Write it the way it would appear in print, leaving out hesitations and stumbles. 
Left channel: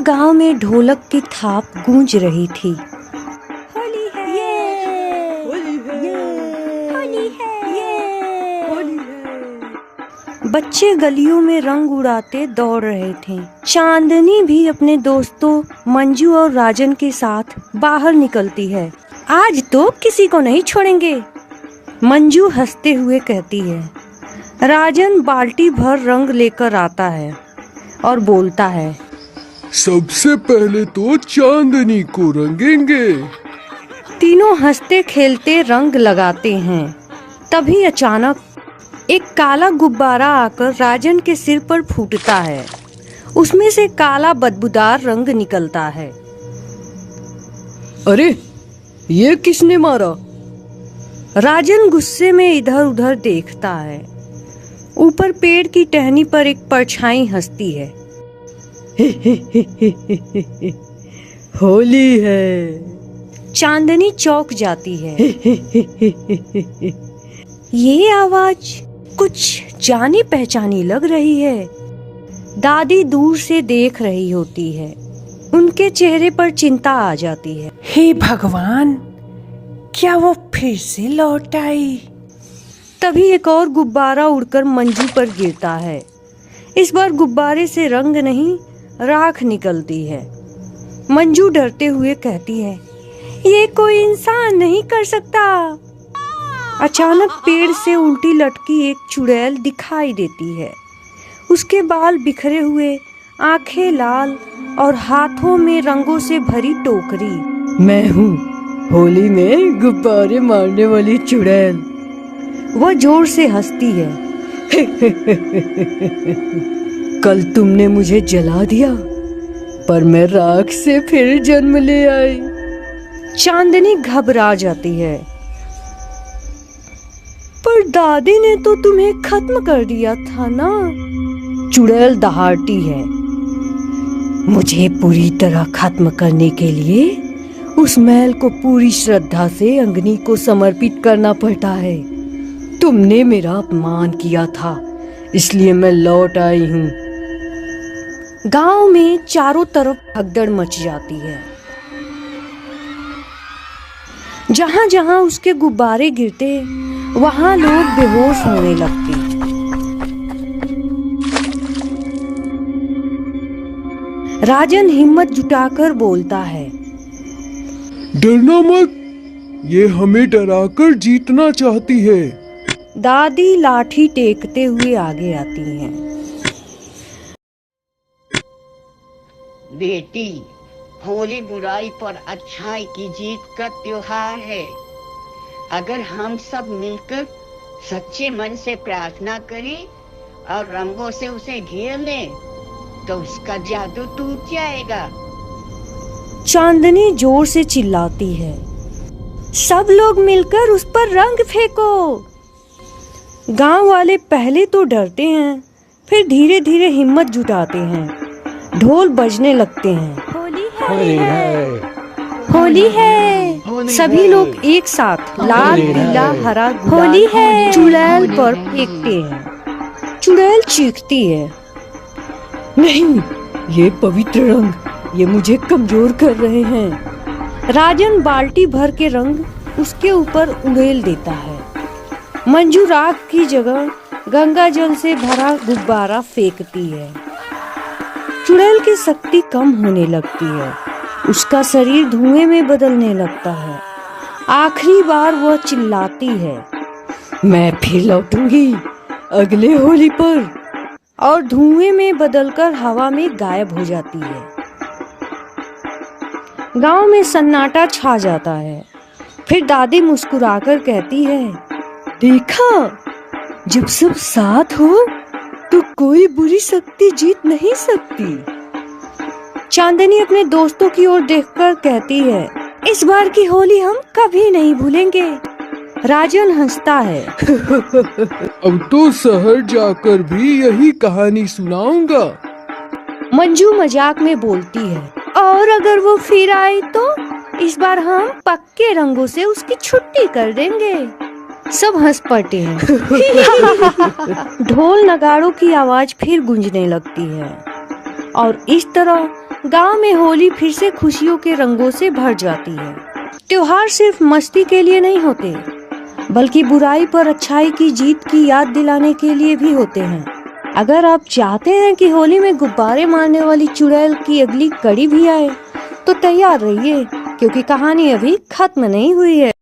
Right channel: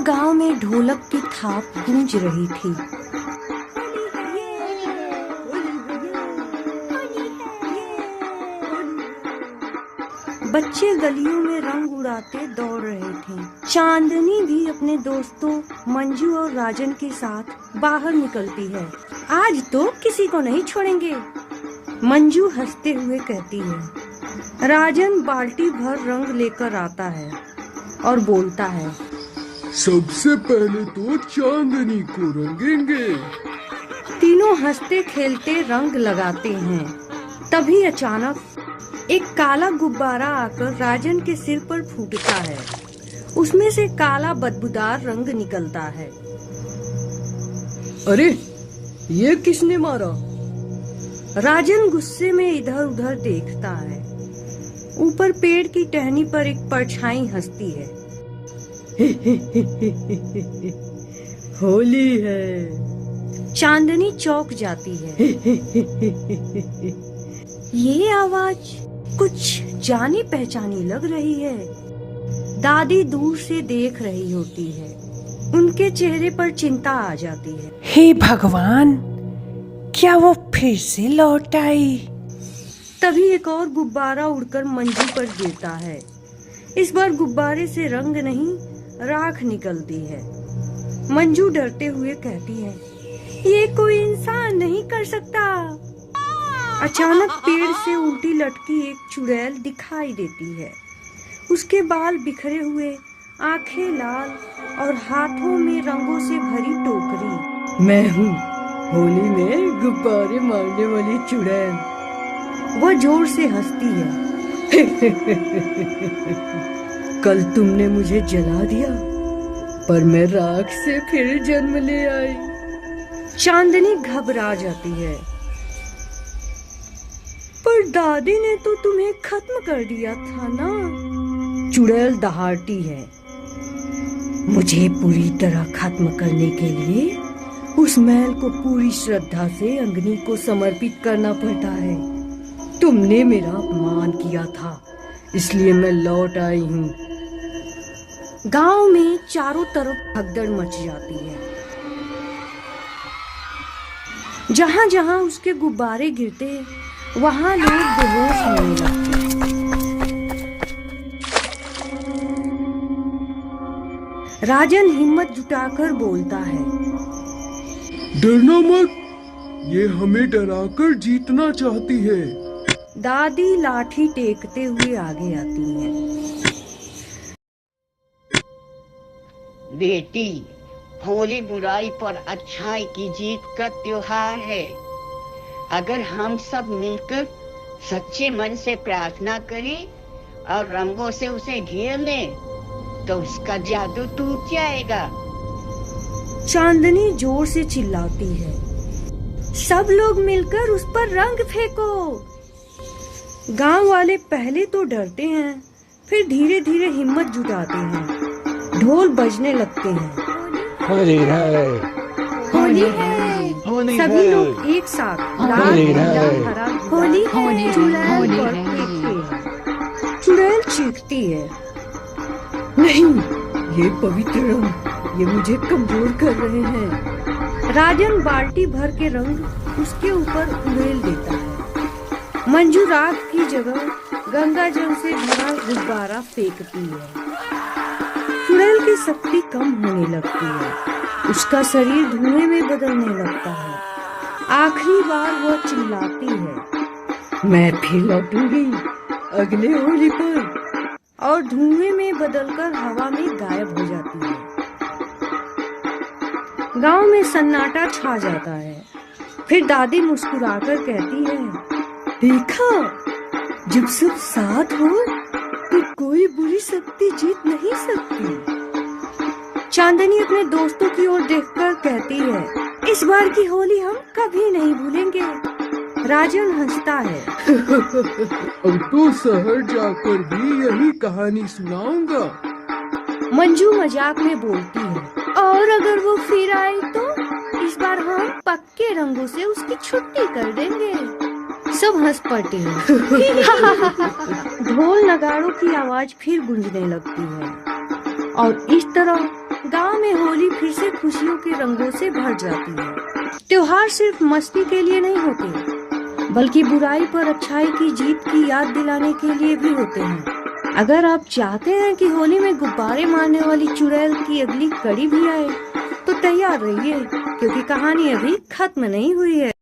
गांव में ढोलक की थाप गूंज रही थी। बच्चे गलियों में रंग उड़ाते दौड़ रहे थे। चांदनी भी अपने दोस्तों मंजू और राजन के साथ बाहर निकलती है। आज तो किसी को नहीं छोड़ेंगे, मंजू हंसते हुए कहती है। राजन बाल्टी भर रंग लेकर आता है और बोलता है, सबसे पहले तो चांदनी को रंगेंगे। तीनों हंसते खेलते रंग लगाते हैं। तभी अचानक एक काला गुब्बारा आकर राजन के सिर पर फूटता है। उसमें से काला बदबूदार रंग निकलता है। अरे, ये किसने मारा? राजन गुस्से में इधर उधर देखता है। ऊपर पेड़ की टहनी पर एक परछाई हंसती है। होली है। चांदनी चौंक जाती है। ये आवाज कुछ जानी पहचानी लग रही है। दादी दूर से देख रही होती है। उनके चेहरे पर चिंता आ जाती है। हे भगवान, क्या वो फिर से लौट आई? तभी एक और गुब्बारा उड़कर मंजू पर गिरता है। इस बार गुब्बारे से रंग नहीं, राख निकलती है। मंजू डरते हुए कहती है, ये कोई इंसान नहीं कर सकता। अचानक पेड़ से उल्टी लटकी एक चुड़ैल दिखाई देती है। उसके बाल बिखरे हुए, आंखें लाल और हाथों में रंगों से भरी टोकरी। मैं हूँ होली में गुब्बारे मारने वाली चुड़ैल। वह जोर से हंसती है। कल तुमने मुझे जला दिया, पर मैं राख से फिर जन्म ले आई। चांदनी घबरा जाती है। पर दादी ने तो तुम्हें खत्म कर दिया था ना? चुड़ैल दहाड़ती है। मुझे पूरी तरह खत्म करने के लिए उस महल को पूरी श्रद्धा से अग्नि को समर्पित करना पड़ता है। तुमने मेरा अपमान किया था, इसलिए मैं लौट आई हूँ। गांव में चारों तरफ भगदड़ मच जाती है। जहां जहां उसके गुब्बारे गिरते, वहां लोग बेहोश होने लगते। राजन हिम्मत जुटाकर बोलता है, डरना मत, ये हमें डराकर जीतना चाहती है। दादी लाठी टेकते हुए आगे आती हैं। बेटी, होली बुराई पर अच्छाई की जीत का त्योहार है। अगर हम सब मिलकर सच्चे मन से प्रार्थना करें और रंगों से उसे घेर लें, तो उसका जादू टूट जाएगा। चांदनी जोर से चिल्लाती है, सब लोग मिलकर उस पर रंग फेंको। गांव वाले पहले तो डरते हैं, फिर धीरे धीरे हिम्मत जुटाते हैं। ढोल बजने लगते हैं। होली है, होली है। सभी लोग एक साथ लाल पीला हरा होली है चुड़ैल पर फेंकते हैं। चुड़ैल चीखती है, नहीं, ये पवित्र रंग, ये मुझे कमजोर कर रहे हैं। राजन बाल्टी भर के रंग उसके ऊपर उड़ेल देता है। मंजू राख की जगह गंगा जल से भरा गुब्बारा फेंकती है। चुड़ैल की शक्ति कम होने लगती है। उसका शरीर धुएं में बदलने लगता है। आखिरी बार वह चिल्लाती है, मैं फिर लौटूंगी अगले होली पर, और धुएं में बदलकर हवा में गायब हो जाती है। गांव में सन्नाटा छा जाता है। फिर दादी मुस्कुराकर कहती है, देखा, जब सब साथ हो तो कोई बुरी शक्ति जीत नहीं सकती। चांदनी अपने दोस्तों की ओर देखकर कहती है, इस बार की होली हम कभी नहीं भूलेंगे। राजन हंसता है। अब तो शहर जाकर भी यही कहानी सुनाऊंगा। मंजू मजाक में बोलती है, और अगर वो फिर आई तो इस बार हम पक्के रंगों से उसकी छुट्टी कर देंगे। सब हंस पड़ते हैं। ढोल नगाड़ों की आवाज फिर गूंजने लगती है और इस तरह गांव में होली फिर से खुशियों के रंगों से भर जाती है। त्योहार सिर्फ मस्ती के लिए नहीं होते, बल्कि बुराई पर अच्छाई की जीत की याद दिलाने के लिए भी होते हैं। अगर आप चाहते हैं कि होली में गुब्बारे मारने वाली चुड़ैल की अगली कड़ी भी आए, तो तैयार रहिए, क्योंकि कहानी अभी खत्म नहीं हुई है।